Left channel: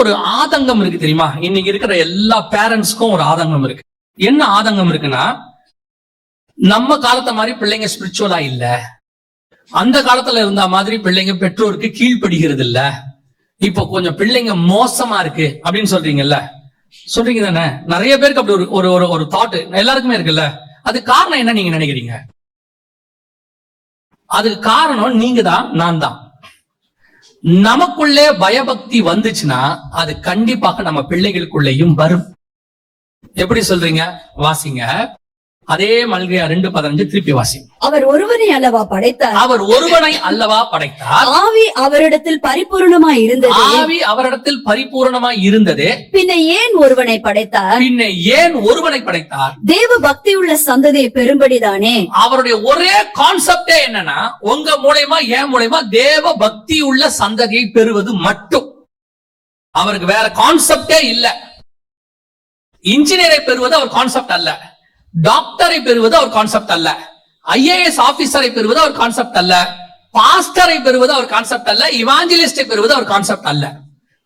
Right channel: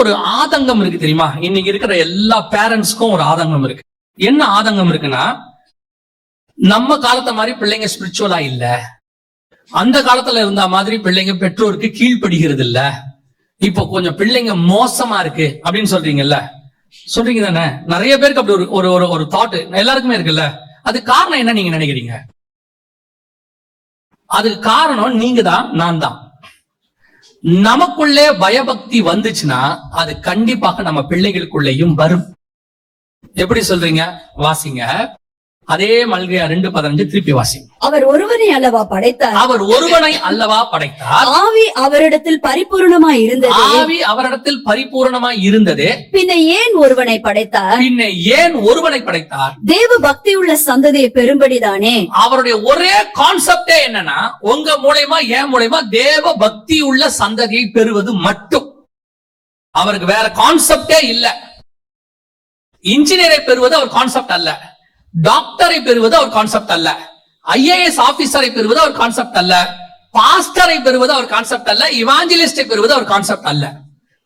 ஒரு ஆதங்கம் இருக்கு தெரியுமா? இன்னைக்கு இருக்கிற எல்லா பேரண்ட்ஸ்க்கும் ஒரு ஆதங்கம் இருக்கு. என்ன ஆதங்கம் இருக்குன்னா, நம்ம காலத்தை மாதிரி பிள்ளைங்க ஸ்பிரிச்சுவலா இல்ல, அந்த காலத்துல இருந்த மாதிரி பிள்ளைங்க பெற்றோருக்கு கீழ்ப்படுகிறது இல்ல, இப்போ கொஞ்சம் பிள்ளைங்க மோசமா இருக்கு அப்படின்னு சொல்றீங்கல்ல, சொல்றீங்க தானே? நிறைய பேருக்கு அப்படி ஒரு தாட் எல்லாருக்குமே இருக்குல்ல. அது காரணம் என்ன நீங்க நினைக்கிறீங்க? அதுக்கு காரணம் நீங்க தான், நான் தான். நமக்குள்ளே பயபக்தி வந்துச்சுன்னா அது கண்டிப்பாக நம்ம பிள்ளைகளுக்குள்ளேயும் வரும். எப்படி சொல்றீங்க? வாசிங்க அதே மல்கியா 2:15 திருப்பி வாசிங்க. அவர் ஒருவனை அல்லவா படைத்தார், அவர் ஒருவனை அல்லவா படைத்தார், ஆவி அவரிடத்தில் பரிபூர்ணமாய் இருந்தது, ஆவி அவரிடத்தில் பரிபூர்ணமாய் இருந்தது, பின்ன ஏன் ஒருவனை படைத்தார், பின்ன ஏன் ஒருவனை படைத்தார்? தேவ பக்தி உள்ள சந்ததியை பெறும்படிதானே. அவருடைய ஒரே கான்செப்டே என்னன்னா, உங்க மூலமா என் மூலமா தேவ பக்தி உள்ள சந்ததியை பெறுவது மட்டும். அவருக்கு வேற கான்செப்டே இல்ல. இன்ஜினியரை பெறுவது அவர் கான்செப்ட் அல்ல, டாக்டரை பெறுவது அவர் கான்செப்ட் அல்ல, IAS ஆபீசரை பெறுவது அவர் கான்செப்ட் அல்ல, பாஸ்டரை பெறுவது அவர் கான்செப்ட் அல்ல, இவாஞ்சலிஸ்டை பெறுவது அவர் கான்செப்ட் அல்ல.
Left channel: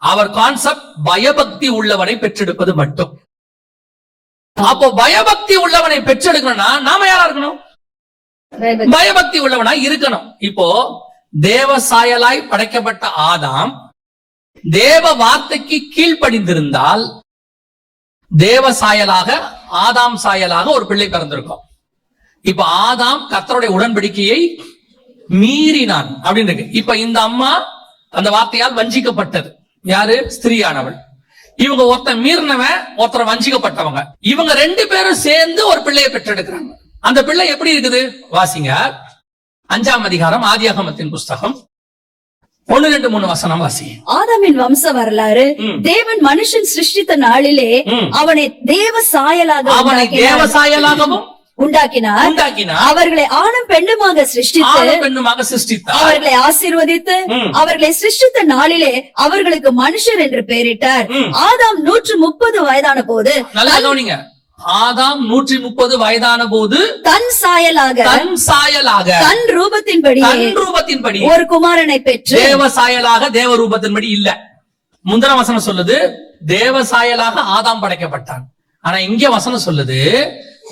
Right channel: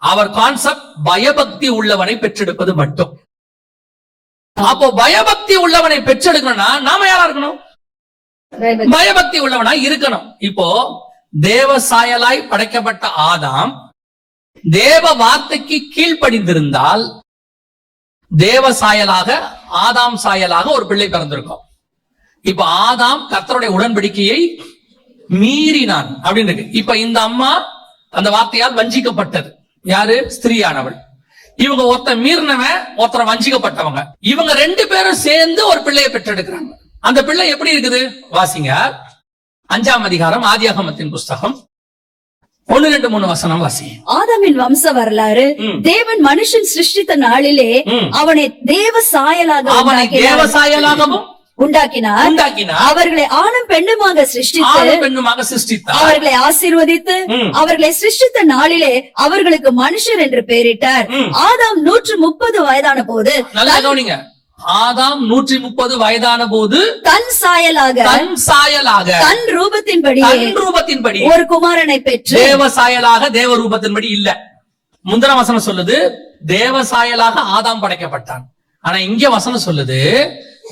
அவர் கான்செப்ட் பயபக்தி உள்ளவனை பெற்றெடுப்பது மட்டும். அப்போ பயபக்தி உள்ளவனை பெற்றெடுக்கணும்னா நாம யாரா இருக்கணும்? பயபக்தி உள்ளவனா இருக்கணும். இப்போ தேவ சாயலாய் படைக்கப்பட்ட ஆதாம் தேவ வார்த்தைக்கு கீழ்ப்படிந்திருந்தால் தேவ சாயலாக, ஆதாம் சாயலாக ஒரு பிள்ளை பிறந்திருக்கும். இப்ப ஆதாம் கர்த்தருடைய உடன்படிக்கையை மீறினான் அப்படின்னு இருக்கு. இப்ப இந்த அம்மா அந்த வார்த்தையால் வஞ்சிக்கப்பட்டது. யாரு? ஸ்திரீயானவள். இவங்க ஒருத்தர் மீறினவன், ஒருத்தர் வஞ்சிக்கப்பட்டவங்க. இவங்க 2 பேரும் சேர்ந்து ஒரு பிள்ளையை பெற்றெடுக்கிறாங்க. அந்த பிள்ளை எப்படி இருக்குது? வாசிங்க 5ஆம் அதிகாரம் ஆதியாகமத்தின் புஸ்தகம் 1-2-3 வசனம் வாசி. ஆதாமின் வம்ச வரலாறு. தேவன் மனுஷன் சிருஷ்டித்த நாளிலே அவனை தேவ சாயலாகவும் உண்டாக்கினார். அவர்களை ஆணும் பெண்ணுமாக சிருஷ்டித்தார். அவர்களை ஆசீர்வதித்து அவர்களை சிருஷ்டித்த நாளிலே அவர்களுக்கு மனுஷர் என்று பெயரிட்டார். ஆதாம் 130 வயதான போது, ஆதாம் 130 வயதான போது தன் சாயலாக தன் ரூபத்தின்படி ஒரு குமாரனை பெற்று, தேவ சாயலாக தேவ ரூபத்தின்படி இல்ல. முந்தின வசனம் சொல்லுது தேவ சாயலாக ஆதாம் படைக்கப்பட்டான். ஆனா இங்க வசனம் சொல்லுது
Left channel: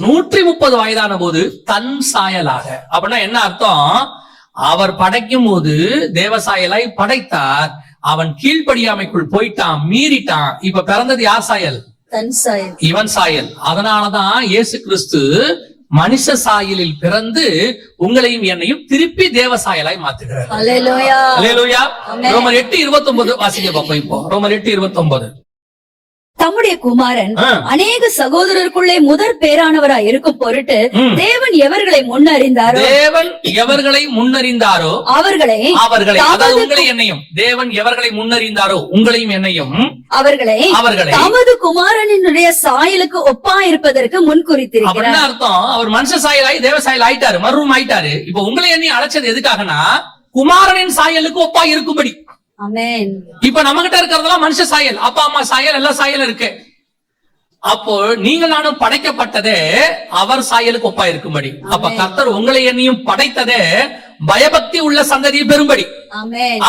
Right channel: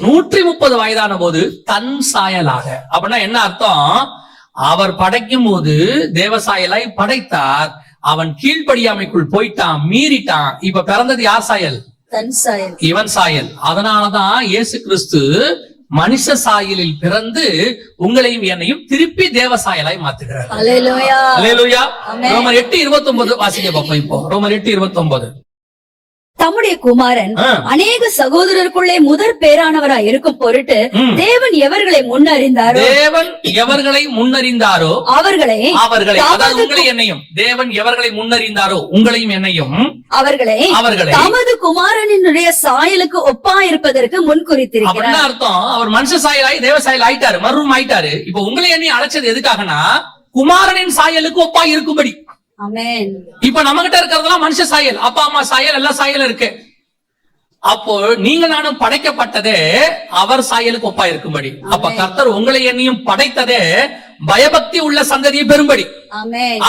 130 வயதான போது தன் சாயலாக. அப்படின்னா என்ன அர்த்தம்? அவர் படைக்கும் போது தேவ சாயலாய் படைத்தார், அவன் கீழ்ப்படியாமைக்குள் போயிட்டான், மீறிட்டான். இப்ப பிறந்தது யார் சாயல்? இவன் சாயல். அதனாலதான் இயேசு கிறிஸ்து மனுஷ சாயலில் பிறந்து உங்களையும் என்னையும் திருப்பி தேவ சாயலாய் மாத்துகிறார். அல்லேலூயா. ரோமர் 8:29 வாசிக்க பார்ப்போம். இப்போ ரோமர் 8:29. தம்முடைய குமாரன் அநேக சகோதரருக்குள்ளே முதற் பேரானவராய் இருக்கும் பொருட்டு தேவன் எவர்களை முன்னறிந்தாரோ அவர்களை அதாவது உங்களை என்னையும், தேவன் எவர்களை முன்னறிந்தாரோ உங்களையும் என்னையும் அவர்களை தமது குமாரனுடைய சாயலுக்கு ஒப்பா இருப்பதற்கு முன்குறித்திருக்கிறார். அர்த்தம், அவர் மனுஷ சாயலாய் தேவ சாயல் ஆயிட்டாரு, மறுரூபம் ஆயிட்டாரு. இப்ப உங்களை என்னையும் அழைச்சது எதுக்காகனா குமாரனின் சாயலுக்கு ஒப்பா இருக்கும்படி. இப்ப நம்ம கிட்ட இருக்கிறதெல்லாம் மனுஷ சாயல், அப்பா அம்மா சாயல், எல்லா சாயலும் இருக்கு. அப்போ நீங்கள் நானும் படைக்கப்பட்டதே அவர் சாயலுக்கு ஒப்பா இருக்கும்படி. அப்ப கர்த்தர் உங்களை என்னையும் படைத்ததே பயபக்தி உள்ள சந்ததியை பெறும்படி.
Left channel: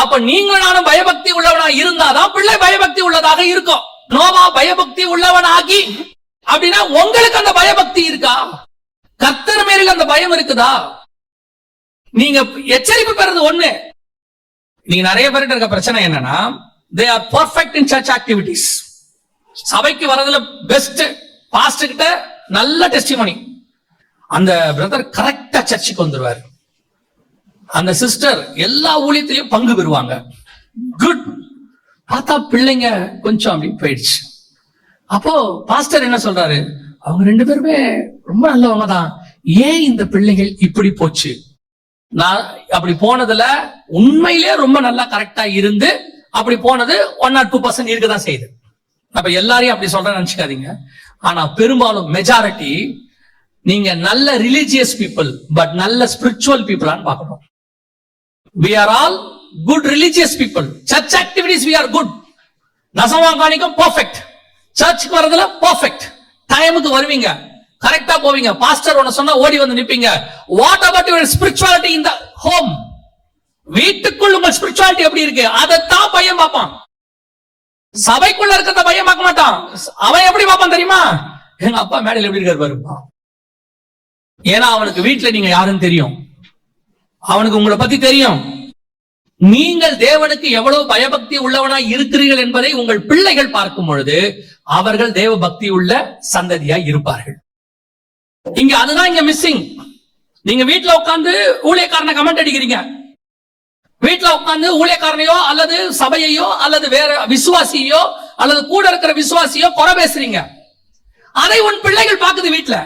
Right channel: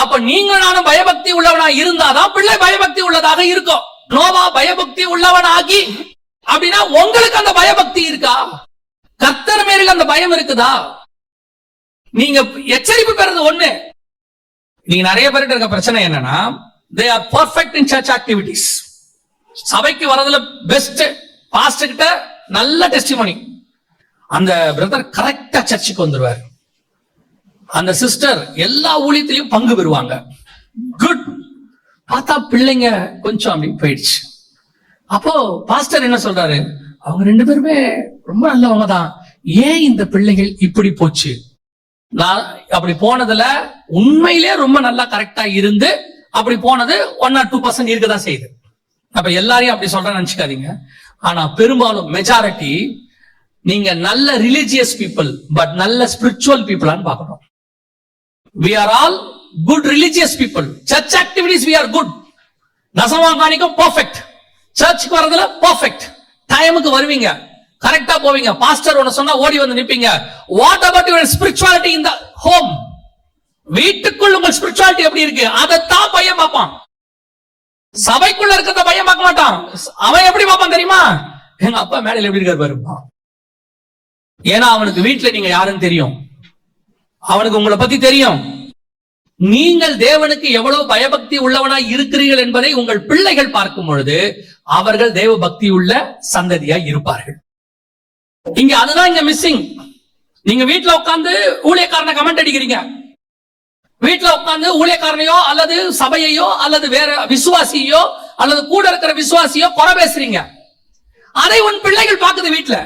அப்ப நீங்க நானும் பயபக்தி உள்ளவனா இருந்தாதான் பிள்ளை பயபக்தி உள்ளதாக இருக்கும். நோவா பயபக்தி உள்ளவனாகி அப்படின்னா உங்களுக்கு அந்த பயபக்தி இருக்கா? கர்த்தர் மேல அந்த பயம் இருக்குதா? நீங்க எச்சரிப்பு பெறது ஒண்ணு. நீங்க நிறைய பேருக்கு இருக்க பிரச்சனை என்னன்னா, they are perfect in church activities. சபைக்கு வரதுல பெஸ்ட், பாஸ்டர் கிட்ட நல்ல டெஸ்டிமோனி. அந்த பிரதர் கரெக்டா சர்ச்சுக்கு வந்துருவாரு, அந்த சிஸ்டர் எல்லா ஊழியத்திலையும் பங்கு பெறுவாங்க. குட். பார்த்தா பிள்ளைங்க கொஞ்சம் அப்படி போயிடுச்சு. அப்போ பாஸ்டர் என்ன சொல்றாரு? அவங்க 2 பேருமே ரொம்ப நல்லவங்க தான், ஏன் இந்த பிள்ளைகள் இப்படி போச்சு? நான் அப்படி போனதுல உண்மையிலே ரொம்ப நல்லா கரெக்டா இருந்து அப்படி போனது 1 or 2% இருக்கதான் செய்யுது. அப்ப எல்லாரையும் அப்படி சொல்றேன்னு நினைச்சுக்காதீங்க. ஆனா பெரும்பாலும் மெஜாரிட்டி நீங்க நல்ல ரிலிஜியஸ் பீப்புள் பட் நல்ல ஸ்பிரிச்சுவல் பீப்புளான்னு பார்க்கணும். We are all good religious people. Church activities we are good. நசவாங்கானிக்கும் பர்ஃபெக்ட், சர்ச்சுக்கு வரதுல பர்ஃபெக்ட், டைமுக்கு வருவீங்க, கரெக்டா போவீங்க, பாஸ்டர் ஒன்னு சொன்னா ஓடி வந்து நிப்பீங்க. What about your spirituality in the home? வீட்டுக்குள்ள உங்க ஸ்பிரிச்சுவாலிட்டி எப்படி இருக்கு? அதைத்தான் பையன் பார்ப்பான். சபைக்குள்ள இருக்கிறத பையன் பார்க்க மாட்டான். அவன் எப்படி பார்ப்பான் தெரியுமா? எங்க அப்பா மேடையில் எப்படி இருக்காரு பாருப்பா. ஏன்னா அவனுக்கு வீட்டுல நீங்க யாருன்னு தெரியும், அவனுக்கு உங்களை பத்தி தெரியும். நீங்கள் தேவனுக்கு எவ்வளவு பயபக்தி உள்ளவனாய் இருக்கிறீர்கள் என்பதை உங்கள் பிள்ளைகள் பார்க்கும் பொழுது அவர்கள் தேவ பக்தி உள்ள சந்ததியாய் இருப்பார்கள். இங்க அதுதான் இங்க மிஸ்ஸிங். நீங்க வீட்டுல உட்கார்ந்து ஊழியக்காரனை கமெண்ட் அடிக்கிறீங்க, வீட்டுல உட்கார்ந்து ஊழியக்காரனையோ அல்லது சபையையோ அல்லது வேற விசுவாசியோ அல்லது கூட இருக்கிற விசுவாசியோ குறை பேசுறீங்க. அதை உன் பிள்ளைகள் பாக்குது வீட்டுல.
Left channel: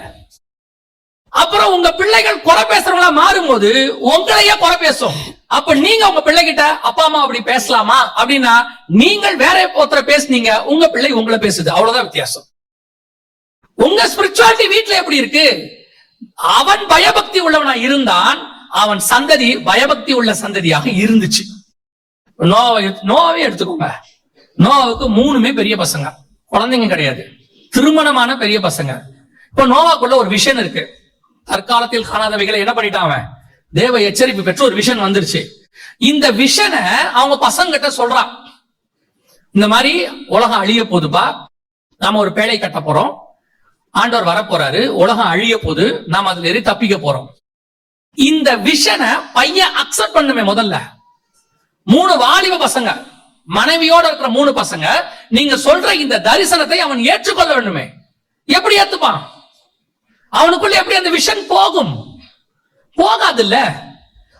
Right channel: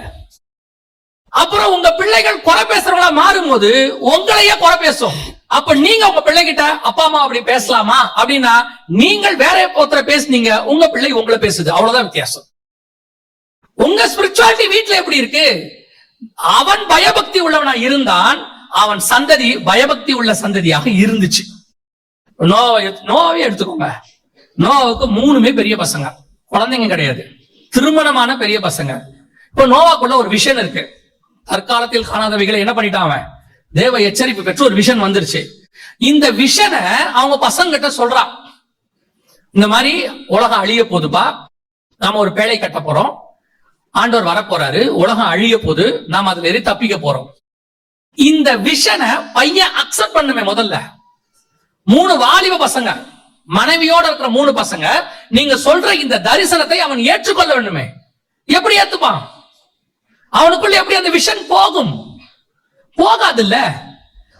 அப்புறம் உங்க பிள்ளைகள் குறை பேசுறவங்களா மாறும்போது உங்களையே குறை பேசும். அப்ப நீங்க உங்க பிள்ளைகிட்ட அப்பா அம்மா அப்படி பேசலாமா அப்படின்னா நீங்கள் வேற ஒருத்தர பேசுனீங்க, உங்க பிள்ளை உங்களை பேசுது. அவ்வளவுதான் வித்தியாசம். உங்க ஸ்பிரிச்சுவாலிட்டி வீட்டுல எப்படி இருக்கு? அவன் பயபக்தி உள்ளவனா இருந்தான், அவன் சந்ததி பயபக்தி உள்ள சந்ததியாக இருந்துச்சு. நோவாவே எடுத்துக்கோங்க. நோவாவுக்கு 3 பெரிய பசங்க, குழந்தைங்க கிடையாது, திருமணமான பெரிய பசங்க. இப்ப நோவாக்குள்ள ஒரு விஷன் இருக்கு. தற்காலத்தில் காணாதவைகளை என்ன பண்ணிட்டான் அவன்? தேவ எச்சரிப்பு பெற்று ஒரு விஷன் வந்துருச்சு. இந்த விஷனை அவங்க பசங்க கிட்ட சொல்றான், இந்த மாதிரி உலகம் அழிய போதுப்பா, நாம ஒரு பேழை கட்ட போறோம், ஆண்டவர் வரப்போறாரு, உலகம் அழிய போது, நாம அதுல ஏறி தப்பிக்க போறோம். இந்த விஷனை பையன் அக்செப்ட் பண்ணுமே. முதல்ல 3 வாலிப பசங்க, மனைவியோட இருக்கிற 3 பசங்க, நீங்க சொல்ற இந்த தரிசனத்தை அவன் ஏற்றுக்கொள்ள வேண்டுமே. எப்படி ஏத்துப்பான்? அவனுக்குள்ள எப்படி அந்த விஷன் போகும்? போகாது இல்ல.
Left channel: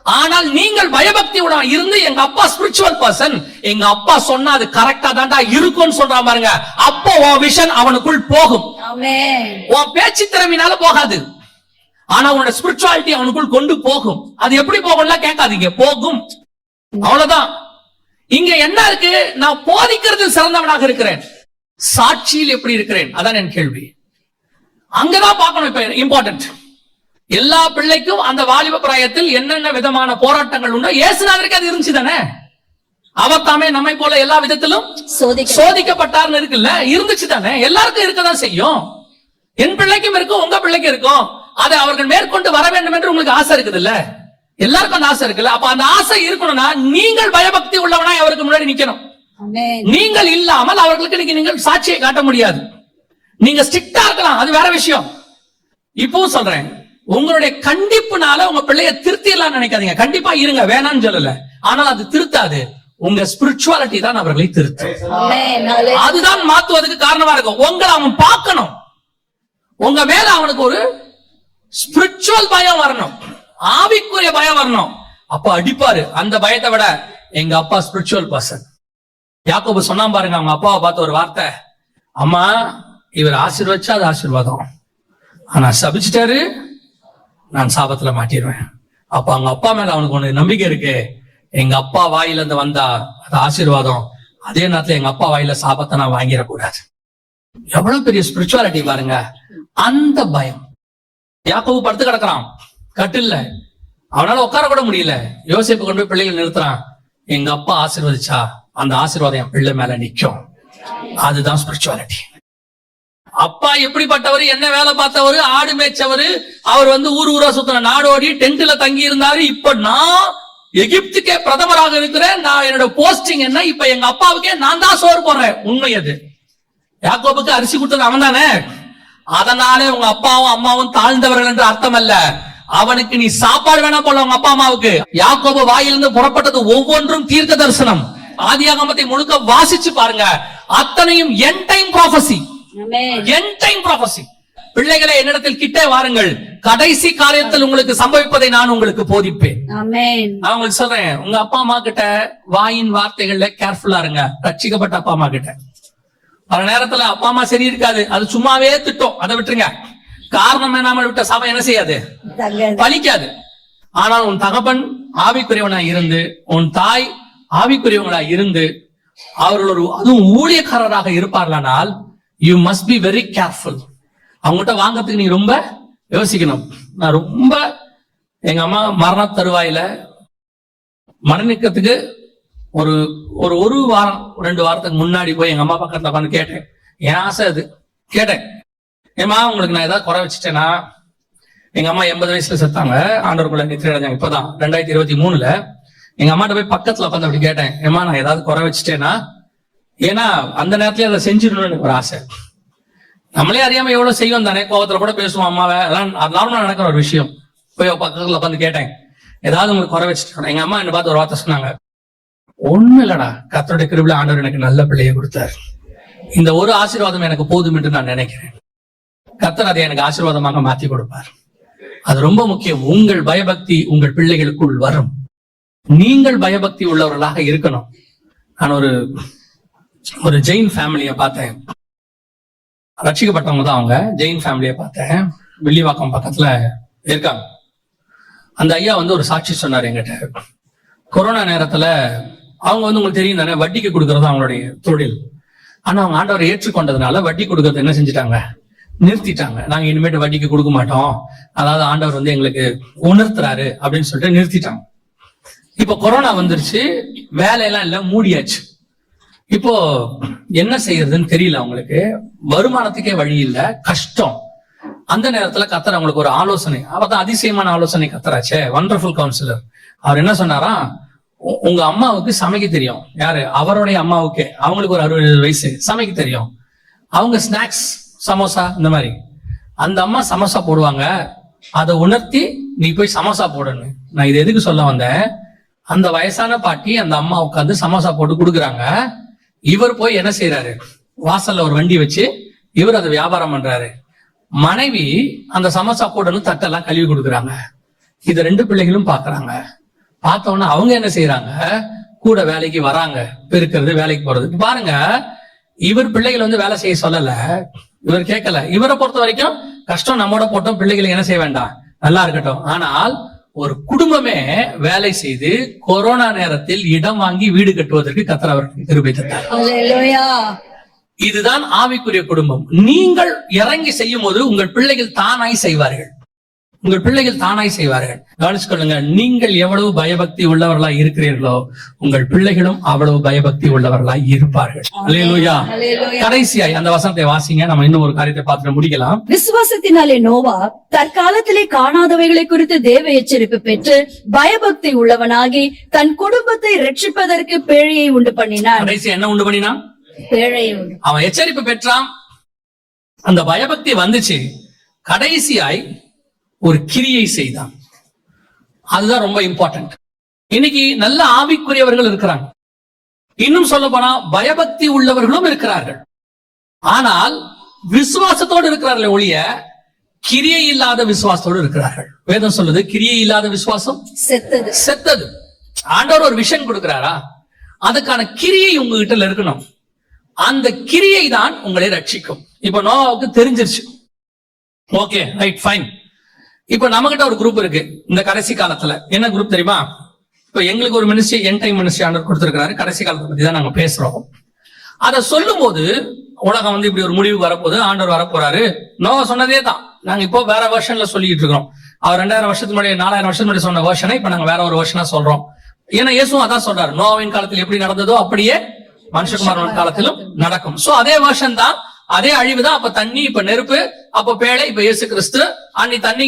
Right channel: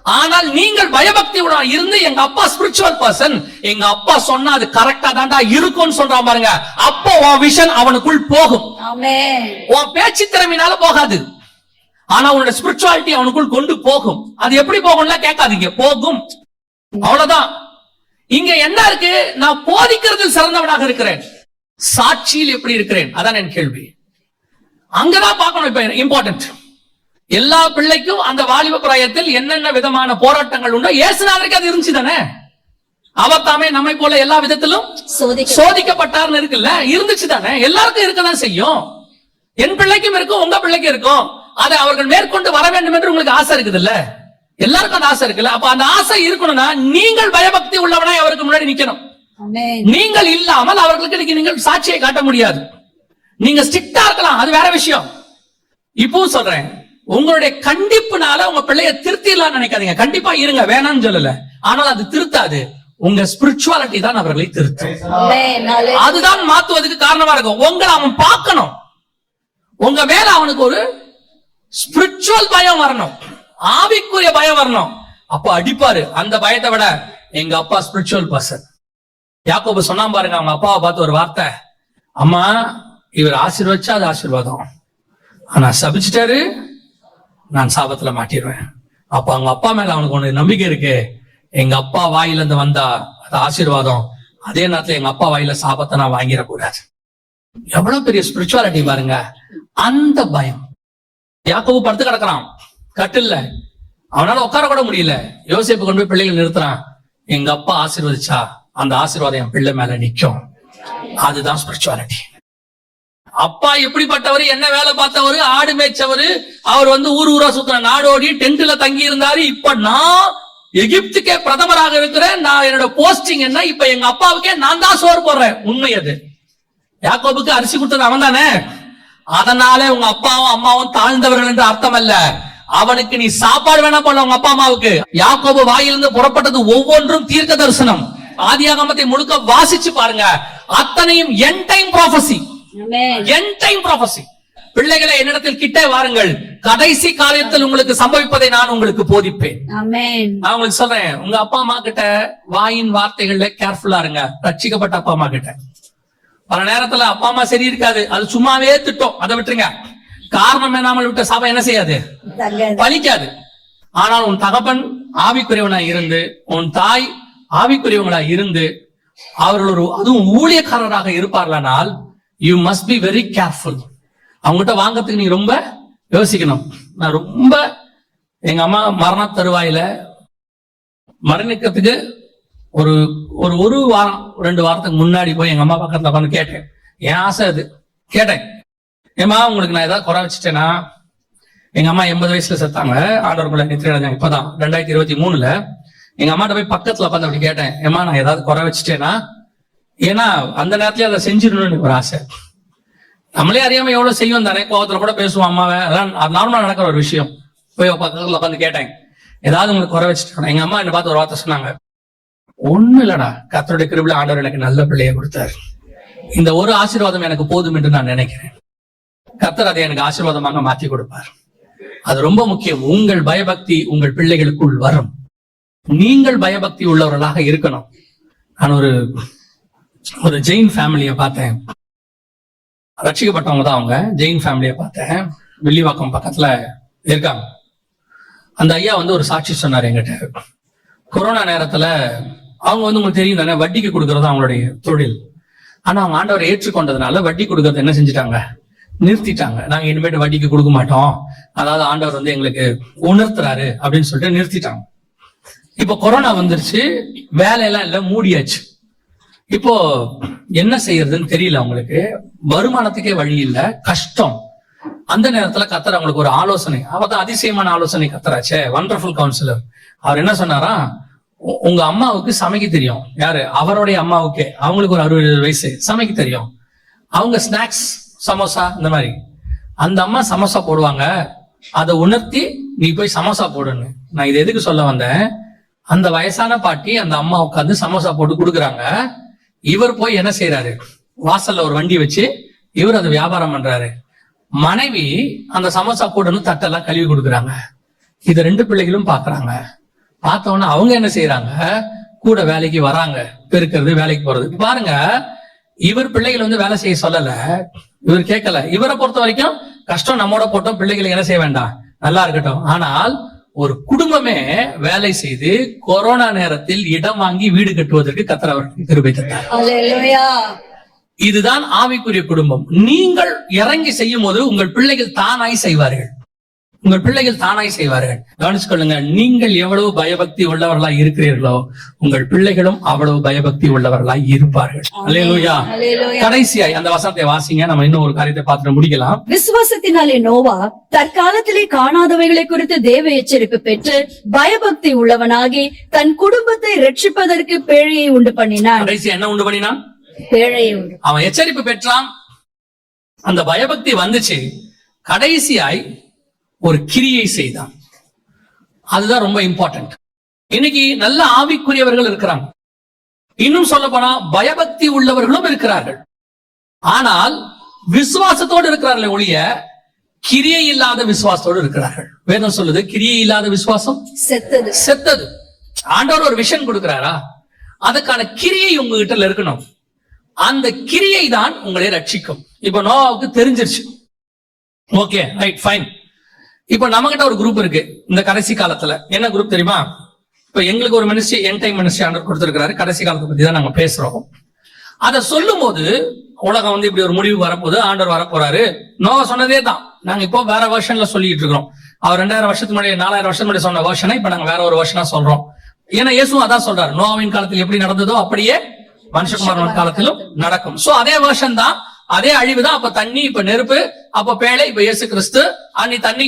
ஆனால் நீங்கள் பயபக்தி உள்ள இருந்து, எங்க அப்பா ஸ்பிரிச்சுவல் பர்சன், எங்க அப்பா சொன்னா அது கரெக்டா தான்டா இருக்கும்னு சொல்றா பாருங்க, அப்போ உன் விஷன் அவனுக்குள் போகும். உன் பேச்சு திறமையினால போகாது, ஆனா உன்னோட ஸ்பிரிச்சுவாலிட்டி அவனுக்குள் கொண்டு போகும். அது எப்படி போகும்லாம் கேட்காதீங்க, போகும். அவ்வளவுதான். இங்க என்ன இருக்கு? நான் போதிக்கிறதில் சிறந்தவனாக இருக்கிறேன், சாட்சியில் எப்படி இருக்கிறேன், அதான் என் கேள்வி. அங்கதான் பார்க்கணும். இப்ப இம்பார்ட்டன்ட். எல்லா பிள்ளைக்கும் அந்த வாலிப பிராயத்தில் என்னென்ன விதமான போராட்டங்கள் உண்டோ இயேசுநாதருக்கு அது இருந்துச்சு தானே. அவத்தாமே நம்மை போல எல்லா விதத்திலும் சோதிக்கப்பட்டார்னு இருக்குல்ல, இருந்துச்சு தானே. எல்லாருக்கும் இருக்கதான் செய்யும். என் பிள்ளைக்கும் இருக்கும், உங்க பிள்ளைக்கும் இருக்கும். அதை அவர்கள் மேற்கொண்டு வர வேண்டும் என்று உங்களுக்கு ஆசை இருக்குது இல்ல? எல்லாருக்கும் அந்த ஆசை இருக்குல்ல. அப்ப அந்த ஆசை இருக்கணும்னா நீங்கள் பயபக்தி உள்ளவனாய் அவருக்கு முன்னாடி நிக்கணும். நீங்கள் இல்லாமல் அவர்களுக்கு நீங்கள் சாட்சியை காட்ட முடியாது. நீங்க ஸ்ட்ரிக்டா இருக்கலாம், அது வேற விஷயம். இப்பவும் சொல்றேன், உங்களுடைய கண்டிப்புனால உங்க பிள்ளைய திருத்திடலாம் நினைக்காதீங்க. கண்டிப்பா இருங்க, வேணாம்னு சொல்லல. ஆனால் அது திருத்தாது. உங்க ஸ்பிரிச்சுவாலிட்டி தான் அவர்களை திருத்தும். அதுதான் மாத்துவதற்கு காரணமா இருக்கும். உங்களை அவன் பார்க்கணும், உங்க மேல அவனுக்கு ஒரு ஸ்பிரிச்சுவல் பயம் வரணும், ஆவிக்குரிய பயம் வரணும். அப்ப அடிப்பாரு. அந்த பயத்தை விட எங்க அப்பா ஸ்பிரிச்சுவல் பர்சன். யாக்கோபு சொன்னா பாருங்க, அவங்க அப்பாவை பார்த்து ஒரு வார்த்தை, அம்மா இவர் ஆசீர்வச்சா அது ஆசீர்வாதம், ஆனா சபிச்சிட்டாரு நான் சாபத்துல மாட்டிடுவேன். அப்ப அவங்க அப்பா மேல அவனுக்கு ஒண்ணு நம்பிக்கை இருக்கு, எங்க அப்பா வாயில இருந்து வந்தா அது ஆசீர்வாதம், அதே நேரத்துல எங்க அப்பா வாயில சாபத்தை நான் வாங்கிடக்கூடாது. எவ்வளவு பெரிய ஸ்பிரிச்சுவாலிட்டி பாருங்க. அந்த பயம். யாக்கோபு படுத்து கிடக்குறான் கட்டில்ல, அவனால உட்கார கூட முடியல. யோசேப்பு கொண்டு போய் பிள்ளைகள் நிறுத்துறான், எங்க அப்பா ஆசீர்வதிச்சா அந்த ஆசீர்வாதம் என் பிள்ளை மேல நிக்கும். அதுதான் ஸ்பிரிச்சுவாலிட்டி. அப்பா எப்படிப்பட்டவர், என்ன வேலை பார்த்தவர், ஆடு மேய்ச்சவரு, அவர் ஊர் ஊரா சுத்தின, நாடோடி டென்ட்ல தங்கி இருந்தாரு. இப்ப நான் எகிப்துக்கே பிரதமராக இருக்கிறேன், நான் என்னோட போஸ்டிங் என்ன, இப்ப எங்க அப்பாவுக்கே நான் தான் சோறு போடுறேன். உண்மை அது. யாக்கோபுக்கு அரிசி கொடுத்தது அவன் தானே. அதனாலே உங்க அப்பாவும் அம்மாவும் தாழ்ந்தவர்கள் என்று அர்த்தம் அல்ல. அவனுக்கு நீ சாப்பாடு வேணா போல உங்க அப்பா அம்மாவுக்கு. யாக்கோபு வாயிலிருந்து புறப்பட்டது ஒவ்வொன்றும் தீர்க்க தரிசனம். ஆதியாகமத்தை முழுக்க வாசிச்சு பாருங்க, அத்தனையும் end time prophecy. End time prophecy. பிள்ளைகளை என்னிடத்தில் கிட்டே வாருங்கள், கடைசி காரியத்தில் உங்களுக்கு சம்பவிப்பதை நான் உங்களுக்கு போதிப்பேன். நான் உங்களுக்கு சொல்றேன், உங்க அப்பா அம்மா கிட்ட வாயின் வார்த்தைகள்ல கேர்ஃபுல்லா இருங்க. ரட்சிக்கப்பட்ட அப்பா அம்மா கிட்ட பல நேரத்துல அப்பா அம்மா சரி இருக்காது, அது சும்மாவே திட்டம், அதை விட்டுருங்க. காரணம் என்னாமல் விட்ட சபை என்ன செய்யாது, பலிக்காது. ஆனால் உன் தகப்பன் ஆவிக்குரியவனா இருந்து, உன் தாய் ஆவிக்குரியவங்களா இருந்து, அவர்கள் அதுவும் ஊழியக்காரராக இருப்பார்களானால் you must be very careful. அவங்ககிட்ட வாங்கறதுக்கு நீ ரொம்ப யோசிக்கணும். நான் ரொம்ப எங்க அம்மா மரண தருவாயில மரணிக்கிறதுக்கு ஒரு வாரம் 2 வாரத்துக்கு முன்னாடி போய் எங்க அம்மா பக்கத்துல உட்காந்து கேட்டேன். என் ஆசை அது. கேட்டேன், ஏமா உங்களுக்கு நான் ஏதாவது குறை வச்சுட்டேன்னா, எங்க அம்மா 80 வயசுல செத்தாங்க, ஆண்டவருக்குள்ள நித்திரை அடைஞ்சாங்க. இப்பதான் 2023 எங்க அம்மாட்ட போய் பக்கத்துல உட்காந்து அப்படி கேட்டேன், ஏமா நான் ஏதாவது குறை வச்சுட்டேன்னா ஏன்னா அந்த நேரத்துல அதை செஞ்சிடணும்னு எனக்கு ஒரு ஆசை. நம்மளே அறியாம எவ்வளவு செய்வோம் தானே, கோவத்துல கூட பேசுவோம் அம்மாவை, அதெல்லாம் நார்மலா நடக்கிற ஒரு விஷயம். போய் பக்கத்துல உட்காந்து கேட்டேன், ஏதாவது உங்களுக்கு குறை வச்சுட்டு. எங்க அம்மா என்ன பார்த்து ஒரு வார்த்தை சொன்னாங்க, ஒண்ணு இல்லடா, கர்த்தருடைய கிருபையில ஆண்டவர் எனக்கு நல்ல பிள்ளையை கொடுத்தாரு, இந்த ஒரு ஆசீர்வாதம் எனக்கு போதும் என்று நான் நினைக்கிறேன். கர்த்தர் அதை எனக்கு ஆசீர்வாதமாக மாற்றி கொடுப்பார். அது ரொம்ப முக்கியம். உங்கள் பயபக்தி உங்கள் பிள்ளைகளுக்குள் வரும். நீங்கள் பயபக்தி உள்ளவர்களாக இருக்கணும். நான் ஒரு ஜெயின் ஃபேமிலியை பார்த்தேன், ரட்சிக்கப்பட்டவங்க தான் அவங்க. ஜெயின் ஃபேமிலியை பார்த்தேன், வில்லிவாக்கம் பக்கத்துல இருக்காங்க. அந்த ஐயா ஒரு சாட்சி சொன்னார் என்கிட்ட. கொரோனா நேரத்துல அவங்க உங்களுக்கு தெரியும் தானே, வட்டிக்கு கொடுக்கறது அவங்களுடைய தொழில். ஆனா அவங்க ஆண்டவரை ஏற்றுக்கொண்டதுனால வட்டி கொடுக்கறது என்ன செஞ்சுட்டாங்க, நிறுத்திட்டாங்க. நாங்க இனிமேட்டு வட்டிக்கு கொடுக்க மாட்டோம், அதாவது ஆண்டவர் எங்களுக்கு உணர்த்துறாரு அப்படின்னு சொல்லிட்டு நிறுத்திட்டாங்க. இப்போ கொரோனா வந்துருச்சு, வேலையெல்லாம் இல்ல, மூடியாச்சு. இப்போ என்ன செய்யறதுன்னு தெரியல அவங்களுக்கு, வருமானத்துக்கே வழி இல்ல, கஷ்டம். அந்த நேரத்துல கர்த்தர் அவங்களுக்கு ஒரு ஆலோசனை, அவதான் அதிசயமான ஆலோசனை கர்த்தராச்சே, வண்டர்ஃபுல் கவுன்சிலர். அவர் என்ன சொன்னாரா, உங்க அம்மாவுக்கு சமைக்க தெரியும். யாரு? அவருடைய அம்மாவுக்கு. அவங்களுக்கு ஒரு 60 வயசு, சமைக்க தெரியும். அவங்க ஸ்நாக்ஸ், சமோசா இந்த மாதிரி, அந்த அம்மா சமோசா போடுவாங்க, அதை உணர்த்தி நீ போய் சமோசா போடுன்னு. நான் இது எதுக்கு சொல்ல வந்தேன், அந்த வயசான பாட்டி அந்த அம்மா உட்காந்து சமோசா போட்டு கொடுக்குறாங்க. இவர் போய் என்ன செய்யறாரு, வாசல்ல ஒரு வண்டி வச்சு இவர் அதை வியாபாரம் பண்றாரு. மனைவி அந்த சமோசா போடணும் தட்டெல்லாம் கழுவி கொடுக்குறாங்க. இத 2 பிள்ளைகளும் பாக்குறாங்க. பார்த்தோன்னா அவங்க என்ன செய்யறாங்க, கூட வேலைக்கு வராங்க, பெருக்கிறது, வேலைக்கு போறது. பாருங்க, இவர் பிள்ளைகள் வேலை செய்ய சொல்லல, இவர் கேட்கல. இவரை பொறுத்த வரைக்கும் கஷ்டம் நம்மோட போட்டும், பிள்ளைகளை என்ன செய்ய வேண்டாம், நல்லா இருக்கட்டும். ஆனால் ஒரு குடும்பமே வேலை செய்து கொரோனா நேரத்தில் இடம் வாங்கி வீடு கட்டுவதற்கு கர்த்தர் அவருக்கு கிருபை தந்தார். இதுதான் ஆவிக்குரிய குடும்பம். நீங்கள் இறங்கி செய்யும் போது உங்கள் பிள்ளைகள் தானாய் செய்வார்கள். உங்கள் பிள்ளைகள் தானாய் செய்வார்கள். கவனிச்சுக்கொள்ளுங்க, நீங்கள் எவ்வளவு பயபக்தி உள்ளவர்களாய் இருக்கிறீர்களோ உங்கள் பிள்ளைகளும் அவ்வளவு பயபக்தி உள்ளவர்களாய் இருப்பார்கள். அல்லேலூயா. கடைசியாய் அந்த வசனத்தை வாசிங்க, நம்ம இன்னும் ஒரு காரியத்தை பார்த்து முடிக்கலாம். விசுவாசத்தினாலே நோவா தற்காலத்திலே காணாதவைகளை குறித்து தேவ எச்சரிப்பு பெற்று பயபக்தி உள்ளவனாகி தன் குடும்பத்தை ரட்சிப்பதற்கு பேழையை உண்டு பண்ணினான். கடைசியா என்ன உண்டு பண்ணினான்? பேழையை உண்டு. அவன் எச்சரிப்பு பெற்றான், அந்த பயபக்தி வந்துச்சு. கடைசியாய் ஒரு கிரியை செய்தான். அதுதான் ரொம்ப இம்பார்ட்டன்ட். இன்னைக்கு நல்ல ஆவிக்குரியவர்கள் இருக்கிறாங்க, இன்னும் சொல்ல போனா பயபக்தி உள்ளவர்களும் இருக்கிறார்கள். ஆனால் விசுவாசத்தோடு இருக்கிறார்கள் ஒழிய கிரியை இல்லாத விசுவாசத்தோடு இருக்கிறார்கள். வேதம் சொல்லுது, கிரியை இல்லாத விசுவாசம் செத்தது. செத்தது. ஆண்டவர் ஒரு விஷன் கொடுக்கிறாரா, அதுக்கான கிரியை உங்ககிட்ட இருக்கணும். அந்த கிரியை தான் உங்களை ரட்சிக்கும். இப்ப நோவாவுக்கு தெரிஞ்சிருச்சு, ஓகே ரைட் ஃபைன். இப்ப நம்ம கிட்ட ஒரு குரூப் இருக்கு இந்த கடைசி காலத்துல. என்ன குரூப் தெரியுமா? இப்ப எங்களுக்கு ஒரு மினிஸ்ட்ரி, என் டைம் மினிஸ்ட்ரி ஆண்டவர் கொடுத்திருக்கிறாரு. கடைசி காலத்தை பத்தி தான் நாங்க பேசுறோம். அதை சொல்லும் போது உலகம் இப்படி ஒரு முடிவு வரப்போகுது, ஆண்டவர் வரப்போறாரு. நோவா சொன்னதே தான் நாங்க இப்போ வேற வெர்ஷன்ல சொல்லிட்டு இருக்கோம். அவர் 2000 வருஷத்துக்கு முன்னாடி, 4000 வருஷத்துக்கு முன்னாடி சொன்ன வெர்ஷனை இப்ப நாங்க வேற ஒரு வெர்ஷனா சொல்றோம். ஏன்னா இயேசுவும் அதான் சொல்றாரு, நோவாவின் காலத்தில் எப்படி நடந்ததோ அப்படியே மனுஷகுமாரன் காலத்திலும் நடக்கும். சோ அதே வெர்ஷன் தான், அதே அழிவு தான். அப்ப தண்ணி, இப்ப நெருப்பு, அப்ப பேழை, இப்ப இயேசு கிறிஸ்து. அன்னி தண்ணி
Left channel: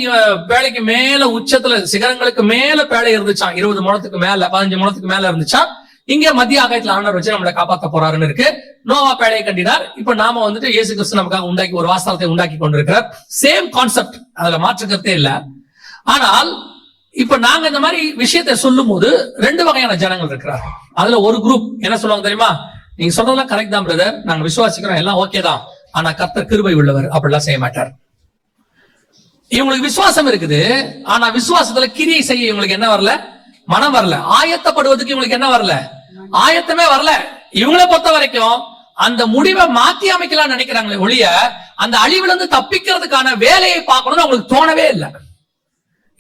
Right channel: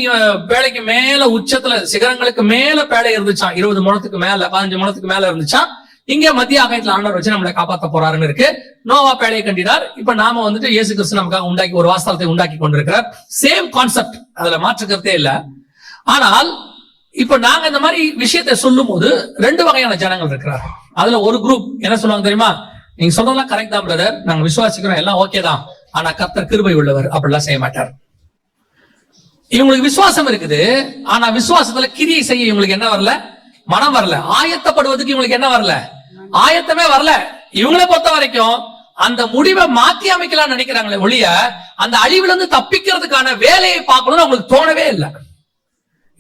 பேழைக்கு மேல உச்சத்துல சிகரங்களுக்கு மேல பேழை இருந்துச்சான், 20 முழத்துக்கு மேல, 15 முழத்துக்கு மேல இருந்துச்சா. இங்க மத்திய ஆகாயத்துல ஆண்டவர் வச்சு நம்மளை காப்பாத்த போறாருன்னு இருக்கு. நோவா பேழையை கண்டினார். இப்ப நாம இயேசு கிறிஸ்து நமக்காக உண்டாக்கி ஒரு வாஸ்தவத்தை உண்டாக்கி கொண்டிருக்கிறார். சேம் கான்செப்ட், அதுல மாற்றுக்கிறதே இல்ல. ஆனால் இப்ப நாங்க இந்த மாதிரி விஷயத்தை சொல்லும் போது 2 வகையான ஜனங்கள் இருக்கிறார். அதுல ஒரு குரூப் என்ன சொல்லுவாங்க தெரியுமா, நீங்க சொல்றதெல்லாம் கரெக்ட் தான் பிரதர், நாங்க விசுவாசிக்கிறோம், எல்லாம் ஓகே தான், ஆனா கர்த்தர் கிருபை உள்ளவர், அப்படிலாம் செய்ய மாட்டார். இவங்களுக்கு விசுவாசம் இருக்குது, ஆனா விசுவாசத்துல கிரியை செய்ய இவங்களுக்கு என்ன வரல, மனம் வரல. ஆயத்தப்படுவதற்கு இவங்களுக்கு என்ன வரல, ஆயத்தமே வரல. இவங்களை பொறுத்த வரைக்கும் அந்த முடிவை மாத்தி அமைக்கலாம் நினைக்கிறாங்களே ஒழிய அந்த அழிவுல இருந்து தப்பிக்கிறதுக்கான வேலையை பார்க்கணும்னு அவங்களுக்கு தோணவே இல்லை.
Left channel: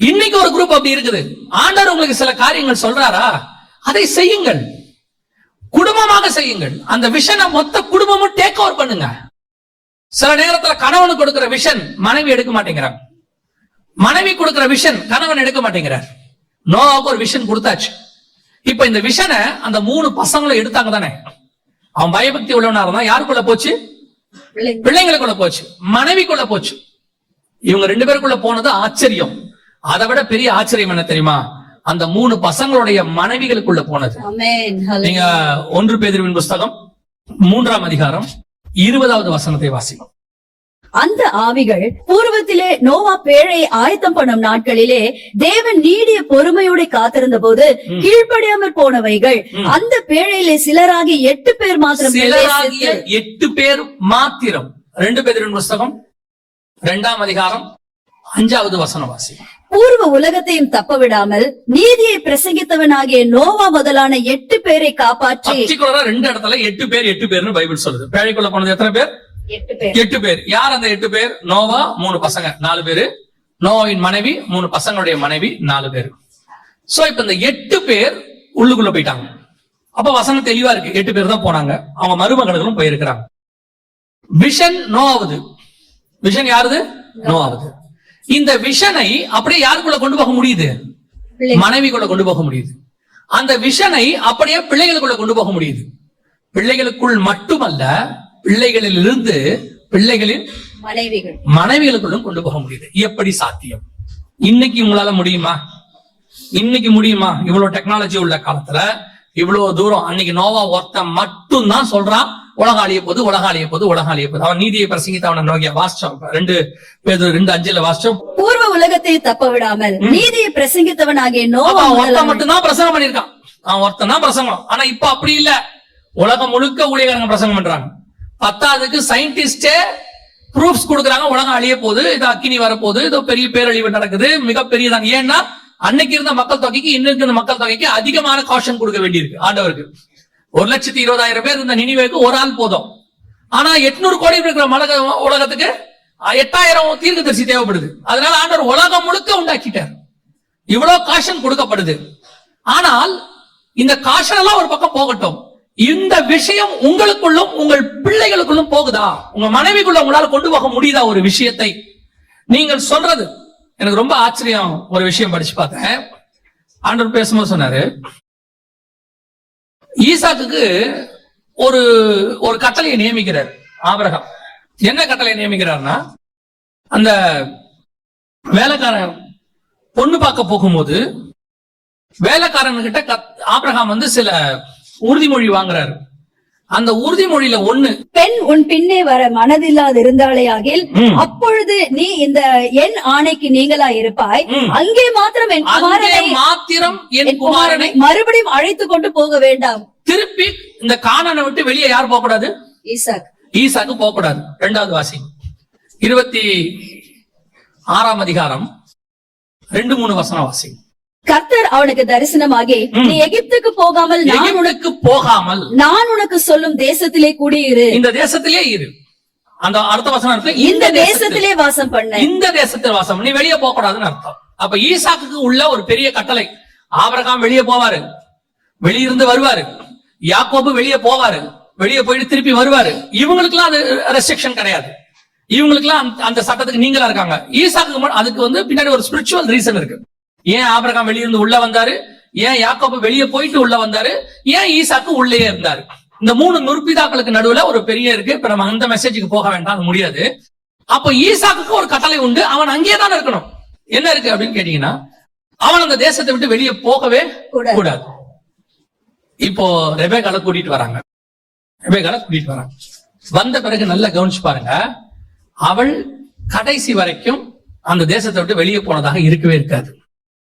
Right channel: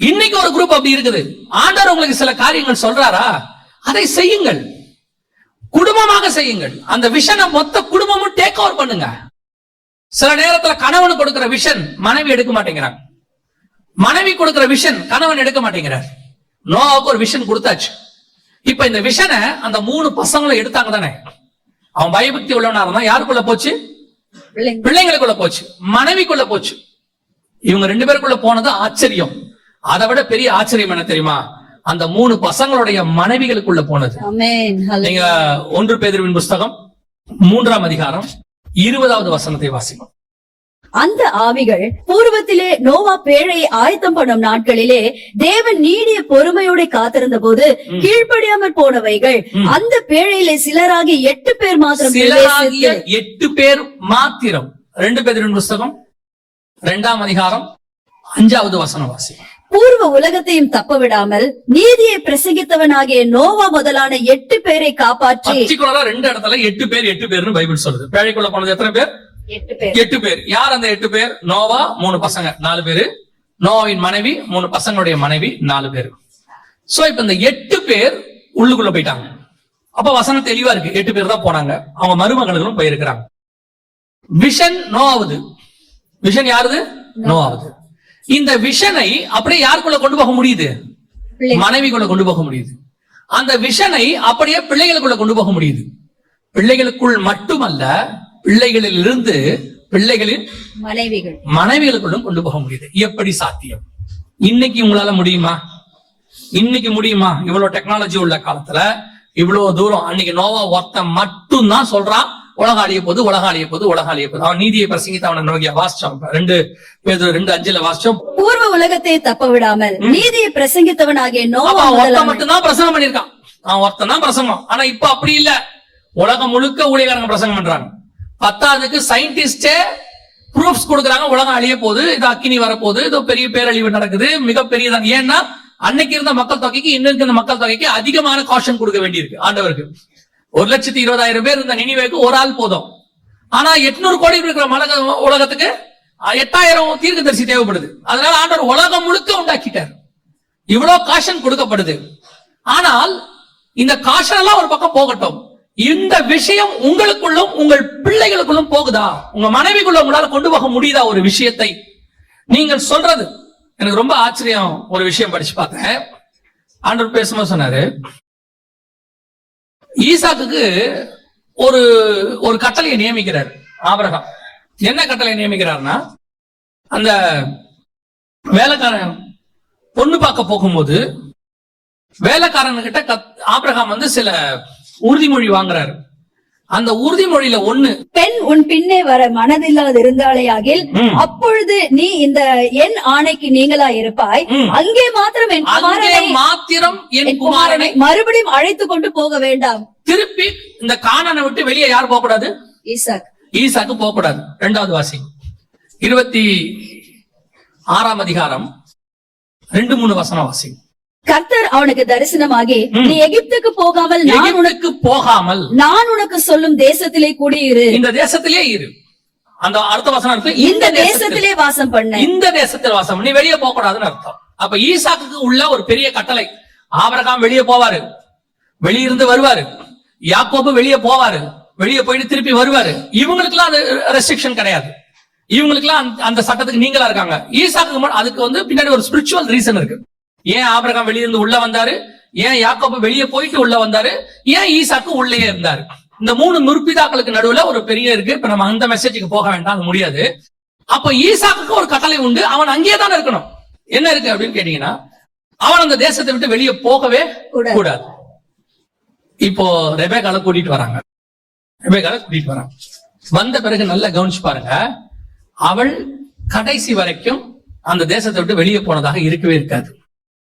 இன்னைக்கு ஒரு குரூப் அப்படி இருக்குது. ஆண்டவர் உங்களுக்கு சில காரியங்கள் சொல்றாரா, அதை செய்யுங்கள், குடும்பமாக செய்யுங்கள். அந்த விஷனை மொத்த குடும்பமும் டேக் ஓவர் பண்ணுங்க. சில நேரத்துல கணவனு கொடுக்கிற விஷன் மனைவி எடுக்க மாட்டேங்கிறாங்க, மனைவி கொடுக்கிற விஷன் கணவன் எடுக்க மாட்டேங்கிறார். நோவாவுக்கு ஒரு விஷன் கொடுத்தாச்சு. இப்ப இந்த விஷனை அந்த 3 பசங்களும் எடுத்தாங்க தானே. அவன் பயபக்தி உள்ளவனா இருந்தா யாருக்குள்ள போச்சு, பிள்ளைங்களுக்குள்ள போச்சு, மனைவிக்குள்ள போச்சு. இவங்க 2 பேருக்குள்ள போனது ஆச்சரியம். அதை விட பெரிய ஆச்சரியம் என்ன தெரியுமா, அந்த 3 பசங்களுடைய மனைவிகளுக்குள்ள போனது. நீங்க 1 பேதுருவின் புஸ்தகம் 3ஆம் அதிகாரம் 20வது வசனத்தை வாசிப்போம். அந்த ஆவிகள் பூர்வத்திலே நோவா பேழையை ஆயத்தம் பண்ணும் நாட்களிலே தேவன் நீடிய பொறுமையோட காத்திருந்த போது கீழ்ப்படியாமற் போனவைகள் அந்த பேழையிலே சிலராகிய 8 பேர் மாத்திரம் சிலராகிய 8 பேர் மாத்திரம். 2 பேதுரு புஸ்தகம் 2ஆம் அதிகாரம் 5வது வசனம் வாசி. பூர்வ உலகத்தையும் தப்ப விடாமல் நீதியை பிரசங்கித்தவனாகிய நோவா முதலான 8 பேரை காப்பாற்றி. 2 இடத்துல 8 பேர்னு பைபிள் சொல்லுது. பேழைக்குள்ள போனது எத்தனை பேர்? 8 பேர். யார் அந்த 8 பேர்? நோவா 3 பசங்க 4 பேரு, நோவாவின் மனைவி 3 பசங்களுடைய மனைவி 4 பேரு. சோ இப்ப இந்த 8 பேர் உள்ளுக்குள்ள போயிட்டாங்க. அப்ப வசனம் தெளிவா இருக்கு, 8 பேர் தான் போனாங்க. அவங்க மருமகளும் போயிருக்கிறாங்க. விஷன் நோவாவுது. விஷன் யாருது? நோவாவுது. இந்த விஷனை அப்படியே யாருக்குள்ள கொண்டு போக முடியுது? மனைவிக்குள்ள கொண்டு போக முடியுது. அந்த விஷனை அப்படியே பிள்ளைகளுக்குள்ள கொண்டு போக முடியுது. பிள்ளைகளுக்குள் மட்டுமல்ல, பிள்ளைகளிலிருந்து பிள்ளைகளின் மனைவிகளுக்குள்ளும் கொண்டு போக முடியுது. எப்படி சாத்தியம்? இன்னைக்கு உங்களால முடியுமா? இன்னைக்கு முடியுமா? இவ்வளவு டெக்னாலஜி உள்ள காலத்துல இவ்வளவு தூரம். அன்னைக்கு நோவா ஒருத்தன் மட்டும் தான் சொல்றான், உலகம் அழிய போது, உலகம் அழிய போது, உலகம் அழிய போது. அவன் நீதியை பிரசங்கித்து அவனை நோக்கிய வாசிச்சோம். 2 பேதுரு 2:5 வாசிச்சோம். பூர்வ உலகத்தை தப்ப விடாமல் நீதியை பிரசங்கித்தவனாகிய நோவா ஒருத்தன் மட்டும் தான் பிரசங்கம் பண்ணிருக்கான். அவன் ஒருத்தன் தான் பிரசங்கம். ஆனா இப்ப அப்படி இல்ல, உலகம் முழுக்க ஊழியக்காரங்க பிரசங்கம் பண்றாங்க. 10ஆவதுக்கு சயின்டிஸ்டே ப்ரூஃப்ஸ் கொடுக்குறாங்க, உலகம் அழிய போகுது, இது அக்கினி வரப்போகுது, இதோ பெரிய பேரழிவு நடக்குது, மிகப்பெரியதான். ஏன்னா அன்னைக்கு இருந்த மக்கள் தொகைக்கு இன்னைக்கு இருந்த மக்கள் தொகைக்கு அதிகமான காஷன் கொடுக்க வேண்டியிருக்கு ஆண்டவருக்கு. 1,20,000 பேர் இருந்த நினிவேக்கு ஒரு ஆள் போதும். ஆனா 800 கோடி இருக்கிற உலகத்துக்கு 8,000 தீர்க்கதரிசி தேவைப்படுது. அதனால ஆண்டவர் உலகம் முழுக்க உண்டாக்கிட்டார். இவ்வளவு காஷன் கொடுக்கப்படுது. ஆனால் இந்த காஷன் எல்லாம் ஒரு பக்கம் போகட்டும், இந்த விஷயம் உங்களுக்குள்ளும் உங்கள் பிள்ளைகளுக்குள்ளும் போகுதா? உங்க மனைவிக்குள்ள உங்களால கொண்டு போக முடியுதா? ஒரு விஷயத்தை நீங்கள் சொல்றது எனக்கு ரொம்ப ஆச்சரியம். ஒரு விஷயம் படிச்சு பார்த்தேன். ஆண்டவர் பேசும்போது சொன்னாரு, ஈசாக்குக்கு ஒரு கட்டளையை நியமிக்கிறார் ஆபிரகாம். என்ன கட்டளை நியமிக்கிறார்னா, அந்த வேலைக்காரன் பொண்ணு பார்க்க போகும்போது வேலைக்காரன் கிட்ட ஆபிரகாம் சில உறுதிமொழி வாங்குறாரு. அந்த உறுதிமொழியில ஒண்ணு, பெண் உன் பின்னே வர மனதில்லாது இருந்தாலே ஆகில் அப்பொழுது நீ இந்த என் ஆணைக்கு நீங்களா இருப்பாய். அங்கே மாத்திரம் என் குமாரனை மறுபடியும் அழைத்து கொண்டு போக வேண்டாம். திருப்பி இந்த கானானை விட்டு வெளியே யார் போக கூடாது? ஈசாக்கு போக கூடாது. 2வது வாசி 26ஆம் அதிகாரம் 2-3 வசனம் வாசி. கர்த்தர் அவனுக்கு தரிசனமாகி, நீ எகிப்துக்கு போகாமல் நான் உனக்கு சொல்லும் தேசத்திலே குடியிரு. இந்த தேசத்திலே இரு. அந்த அடுத்த வசனம் இருக்கு, இந்த தேசத்திலே வாசம் பண்ண. இந்த தேசத்தில் வாசம், நீ வெளியே போக கூடாதுன்னு அர்த்தம். அப்ப ஈசாக்கு உள்ள ஒரு பெரிய கட்டளை. ஆபிரகாம் வெளியே போவாரு, வெளியிருந்து வருவாரு. யாக்கோபு வெளியே போவாரு, வெளியே போயிட்டு திருப்பி வருவாரு. இவங்களுக்கு எல்லாம் ரெஸ்ட்ரிக்ஷன் கிடையாது. இவங்களுக்கு எல்லாம் அந்த சட்டத்துக்கு நீங்களா இருக்காங்க. ஈசாக்கு அதுக்கு பின்னாடி ஒரு ஸ்பிரிச்சுவல் ரீசன் இருக்கு. ஏன் ஆபிரகாம் வெளியிருந்து உள்ள வந்தாரு? ஏன் யாக்கோபு வெளியே போயிட்டு உள்ள வந்தாரு? ஏன் ஈசாக்கு உள்ளே இருந்தாரு? இந்த 3 முற்பிதாக்களுக்கு நடுவுல ஒரு பெரிய இருக்கு. இப்ப நம்ம அந்த மெசேஜுக்கு போக வேண்டாம், முடியாது. அப்ப ஈசாக்கு ஒரு கட்டளை உண்டு, அவன் அங்கேயே தான் இருக்கணும். என்ன இருக்கு அப்படின்னு கேட்டீங்கன்னா, அவன் அந்த தேசத்தை விட்டு வெளியே போகவே கூடாது. இப்போ ரெபேக்கால கூட்டிட்டு வராங்க. வந்த பிறகு நல்லா கவனிச்சு பாருங்க, அவள் கடைசி வரைக்கும் அந்த தேசத்தை விட்டு வெளியே போனதாக இருக்கவே இருக்காது.